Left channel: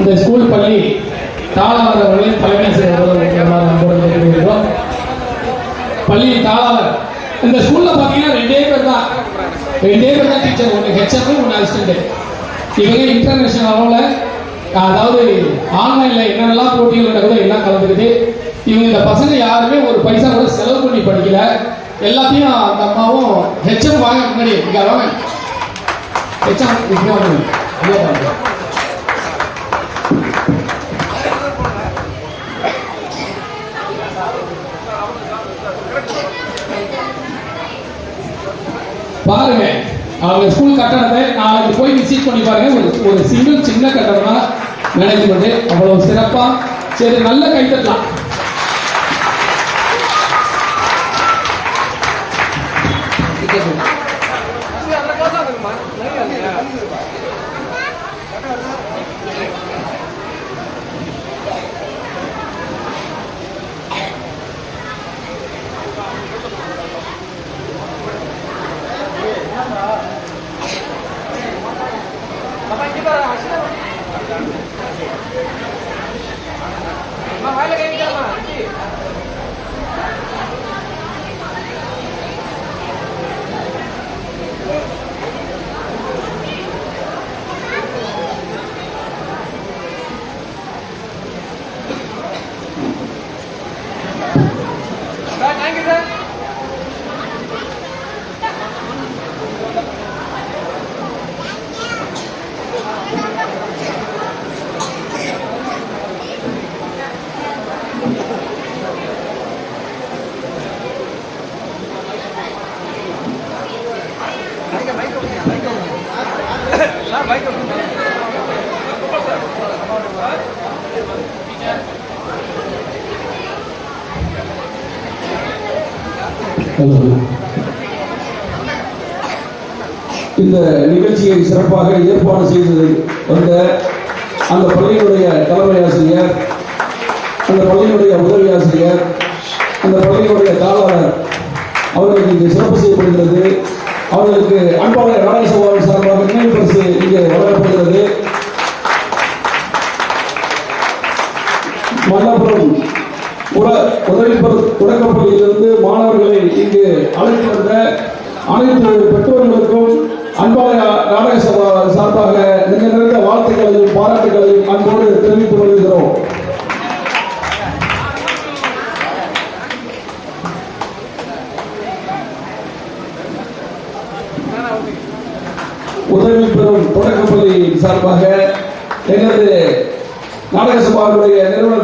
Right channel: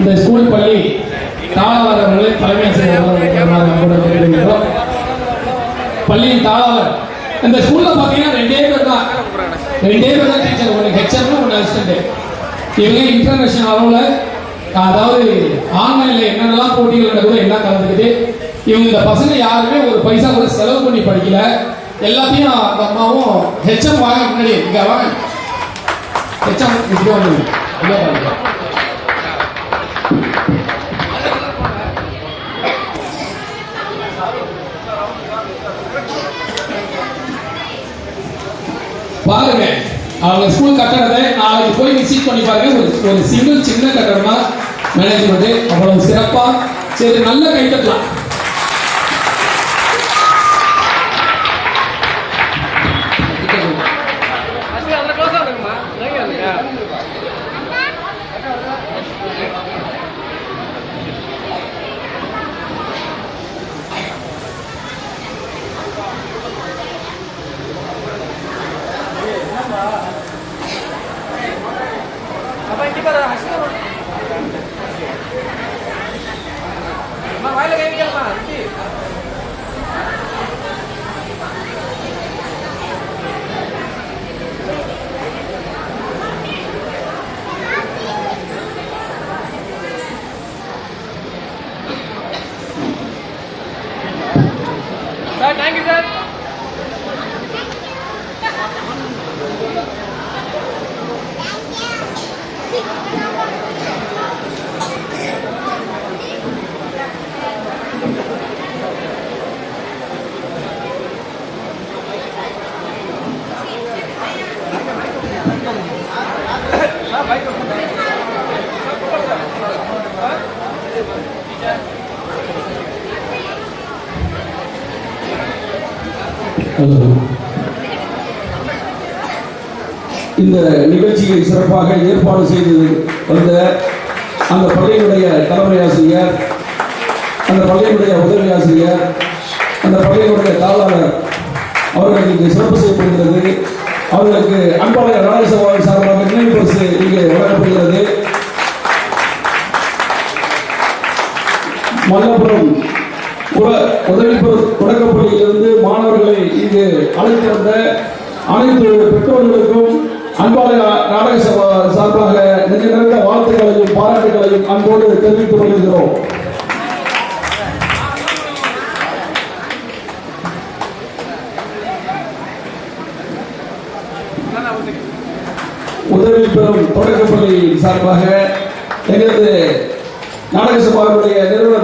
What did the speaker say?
இந்த ஸ்கூல் பள்ளி தாளாளர் அவர்களை தலைமை பள்ளியின் தாளாளர். இந்த ஸ்கூல்ல பாத்தீங்கன்னா ரெண்டே பேர் தான் டீச்சர், ஒன்று ஹெச்எம் ஒன்று அசிஸ்டன்ட். இவங்க இன்டர்நேஷனல் அளவில், அதாவது ஆன்லைன்ல என்னென்னலாம் போட்டிகள் நடக்குதோ எல்லாம் கலந்துக்கிட்டு இவங்க இந்த பசங்க யாருமே ஒரு பைசா கூட செலவு பண்ணி படிக்கல. எல்லாத்தையும் அந்த அம்மாவும் ஹெச்எம் வாங்க முன்னாடி இங்க வாங்க ஹெச்எம் பாருங்க. அவங்க ஸ்கூல் கட்டணத்தை நாளைக்கு போய் விசிட் பண்ணி பாருங்க. ஒரு சிங்கிள் சின்ன கட்டணமா மேனேஜ்மெண்ட் அவ்வளவு சிறப்பா. சரி, நல்ல கைத்தட்டலாம். இந்த நிகழ்ச்சியை சிறப்பாக ஏற்பாடு செய்தது அந்த பள்ளியினுடைய தலைமை ஆசிரியர், அந்த பள்ளியினுடைய உதவி ஆசிரியர், அந்த பள்ளியினுடைய தாளாளர் அவர்களுக்கு இங்கே சிறப்பு செய்யப்படுகிறது. அவர்களுக்கு அன்பாளர் ராஜசபாவின் சார்பாக நினைவு பரிசு இங்கே வழங்கப்படுகிறது. மல்லபுரம் தொடக்கப்பள்ளியிலிருந்து மாணவர்களை இங்கு அழைத்து வந்த அனைத்து பெற்றோர்களுக்கும் அன்பாளர் நாடக சபா சார்பாக நிறைந்த வாழ்த்துக்களையும் பாராட்டுகளையும் அன்போடு தெரிவித்துக் கொள்கிறோம். உதவி பெறும் தொடக்கப்பள்ளி சார்பாக எங்களது நாடக சபாவுடைய நிறுவன